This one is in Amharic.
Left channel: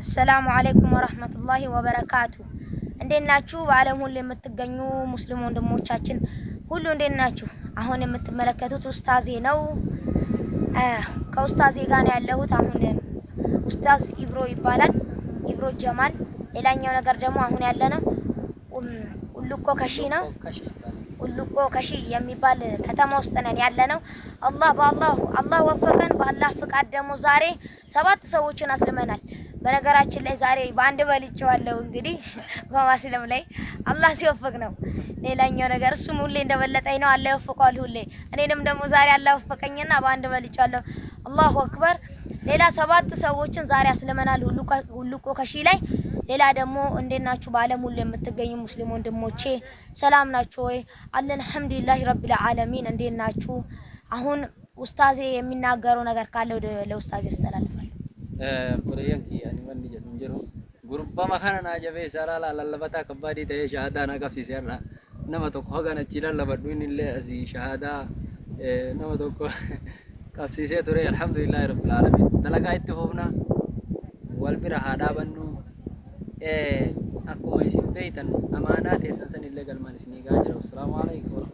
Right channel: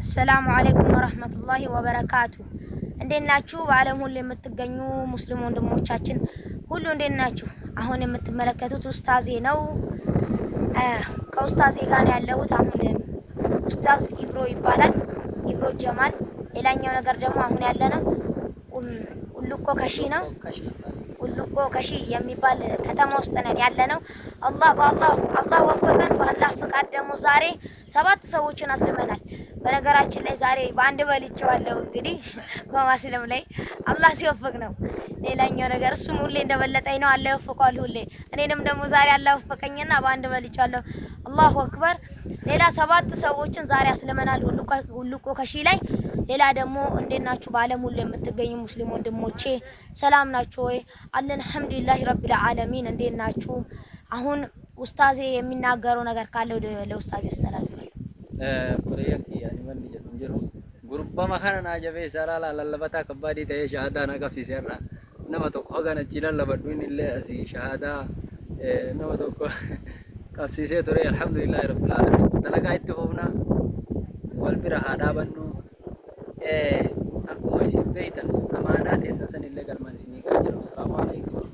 السلام عليكم ورحمة الله وبركاته. እንዴት ናችሁ? በዓለም ሁሉ የምትገኙ ሙስሊም ወንድሞቻችን ሁሉ እንዴት ናችሁ? አሁን የምትመለከቱት ኡስታዜ ነው። ከኡስታዜ ጋር ነው ያለሁት። አሁን ኡስታዝ ኢብሮ ይባላል፣ ኢብሮ ጀማል። ሌላኛው ነገር ደግሞ አሁን ያለነው ኡሉቆ ከሺ ነው። ኡሉቆ ከሺ የሚባል ከተማ ውስጥ ነን ያለነው። አላህ ወፈቀን። በአላህ ፍቃድ ደግሞ ዛሬ 7 ሰዎችን አስልመናል። በነገራችን ላይ ዛሬ በአንድ በልጬዋለሁ። እንግዲህ በማስለም ላይ አላህ ሲወፍቅ ነው። ሌላኛው ነገር እሱም ሁሌ እንደበለጠኝ ነው። አላህ ይወፍቀዋል ሁሌ። እኔንም ደግሞ ዛሬ አላህ ወፈቀኝና በአንድ በልጬዋለሁ። አላሁ አክበር። ሌላ 7 ሰዎችን ዛሬ አስልመናል ኡሉቆ ከሺ ላይ። ሌላ ደግሞ እንዴት ናችሁ? በዓለም ሁሉ የምትገኙ ሙስሊም ወንድሞቼ ሰላም ናችሁ ወይ? አለን አልሐምዱሊላህ ረቢል ዓለሚን። እንዴት ናችሁ? አሁን ኡስታዜ የሚናገረው ነገር ካለ ለኡስታዜ አስተላልፋለሁ። Furiyyanki ani wanni jedhu jiru gurbama kana na jabe sarala lallabata kabadi ta'e shahada na qabsiiseerra nama tokko hagan achi lallabadhu inni illee asi shahada nama tokko qabsiisee ture alhamdulillahi rabbil alamin. Dalagaa itti fufna wal bira haa dhaabannu akkuma isin beeytan amaanaa teessan san illee galmaan isinii ga'a jiru. Assalaamu alaykum.